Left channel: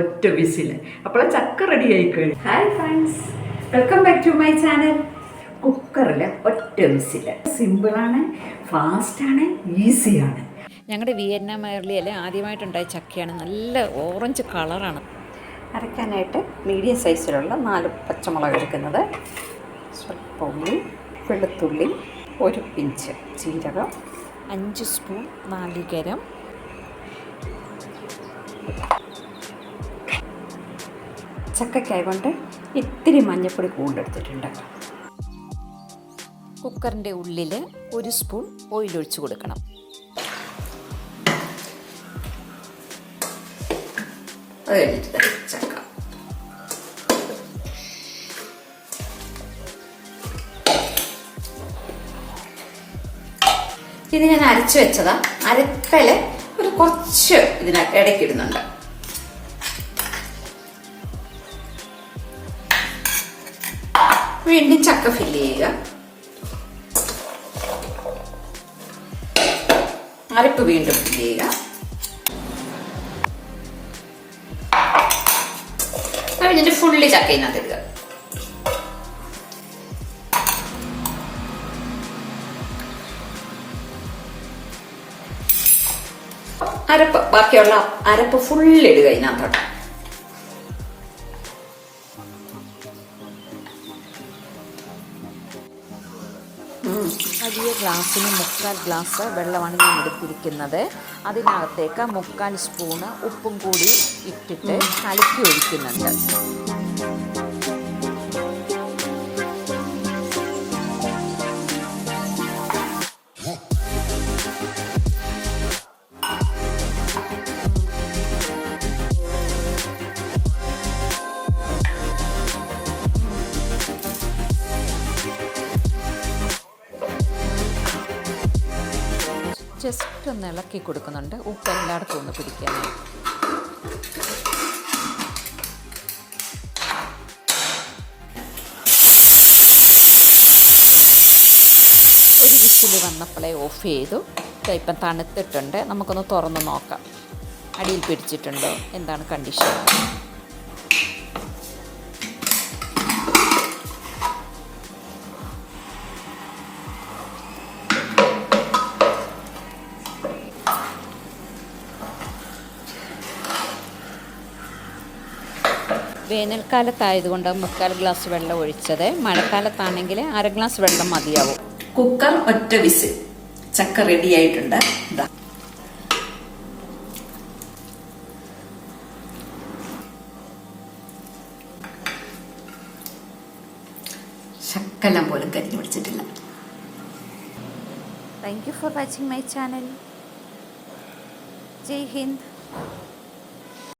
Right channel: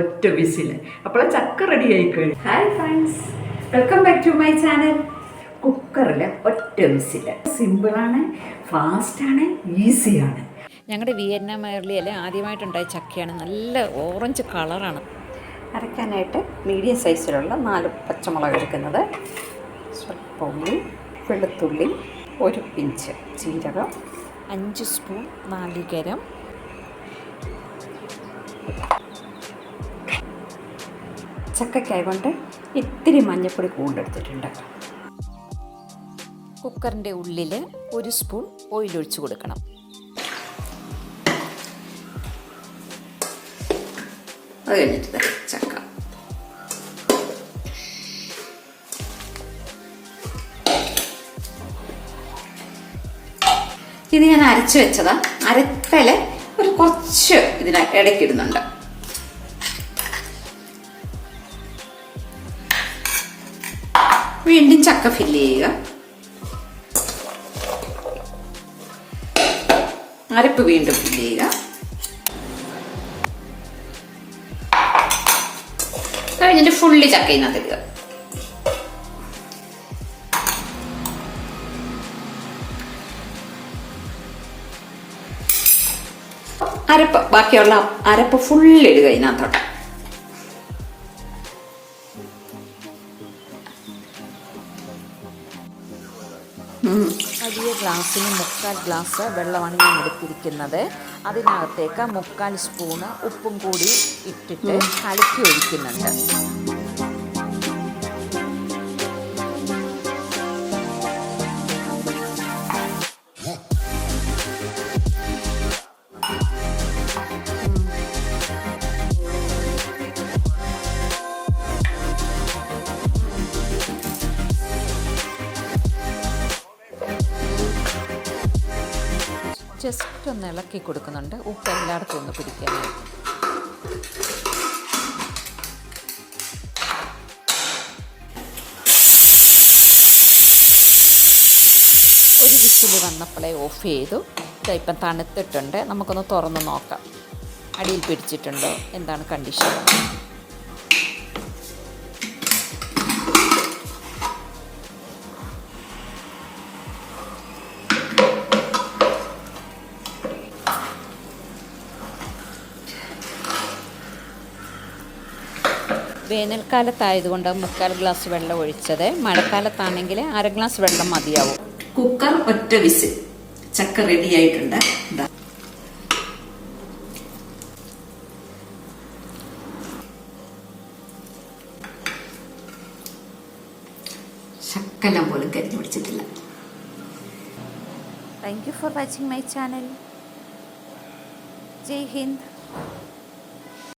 ഒറ്റ വിസിൽ അപ്പോൾ ചക്ക റെഡി ആയി കഴിഞ്ഞു. Hi friends, welcome back to my channel. കുക്കറിൽ ഒറ്റ വിസിൽ. സിമ്പിളാണ്, ഫാസ്റ്റാണ്, ഈസിയാണ്. ഞങ്ങളുടെ വിയറ്റ്നാം എയർലിയിൽ ആദ്യമായിട്ടുണ്ടായ ചക്കയാണ്. നല്ല ഓറഞ്ച് കളറാണ്. അരയ്ക്കാനായിട്ട് മീഡിയം സൈസിലുള്ള 4 പച്ചമുളക് എടുക്കുന്നത്, സ്വല്പം ഉള്ളി, വെളുത്തുള്ളി, 1 പിഞ്ച് ജീരകം, 5 സ്പൂൺ നാളികേരം, ചക്കയ്ക്കായ കൊണ്ട് ഇത്തിരി മഞ്ഞൾപ്പൊടി കൂടുതലെടുത്തിട്ടുണ്ട്. കുക്കറിൻ്റെ ഉള്ളിൽ 1 സ്പൂൺ ഓയിൽ ഒഴിച്ച് കൊടുക്കണം. അത് കഴിഞ്ഞിട്ട് ചക്ക ഇത് ഞാൻ അരച്ചു വെച്ചതാ. അരക്കല് ഒരു കുറച്ച് ഇതിനകത്ത് ഇടയ്ക്കിടുന്നുണ്ട്. വീണ്ടും ചക്ക ഫില്ല് ചെയ്യുക. അരപ്പ് വീണ്ടും ഫില്ല് ചെയ്യുക. കഴിഞ്ഞിട്ട് ഫുള്ളി ചക്കയിനകത്ത് ഇടുക. അരപ്പ് ബാക്കിയുള്ള അരപ്പ് ഫുള്ളിടുക ഇതിനകത്തോട്ട്. വലിയ ഗ്ലാസ്സിന് 3/4 ഗ്ലാസ് വെള്ളമാണ് ഞാൻ എടുത്തിരിക്കുന്നത്. അതിനകത്തേക്ക് 3/4 സ്പൂണ് ഉപ്പും കൂടി ഇട്ടിട്ട് കലക്കി ഒഴിക്കുന്നുണ്ട്. ജസ്റ്റ് ഒന്ന് ഇളക്കി കൊടുക്കുന്നുണ്ട്, ഉപ്പ് എല്ലായിടത്തും ഒന്ന് പിടിക്കാനായിട്ട്. ഒരു വിസിൽ വന്നപ്പോഴേ ഓഫ് ചെയ്തു. ഇപ്പം തണുത്തിട്ടുണ്ട്. നമുക്കൊന്ന് തുറന്ന് നോക്കാം അടിയിൽ പിടിച്ചിട്ടുണ്ടോ, എന്താണ് കണ്ടീഷൻ. വേനൽക്കാലത്തായതുകൊണ്ട് 3/4 ഗ്ലാസ് വെള്ളം ഒഴിച്ചത്. മഴക്കാലത്താണെങ്കിൽ 1/2 ഗ്ലാസ് വെള്ളം മതിയാവും. കുക്കർ ഒറ്റ വിസിൽ. ചക്ക റെഡി ആയിട്ടുണ്ട്. ശക്കലം പോലും കരിഞ്ഞു പിടിച്ചിട്ടില്ല. Thank you for watching my channel. Jai Hind.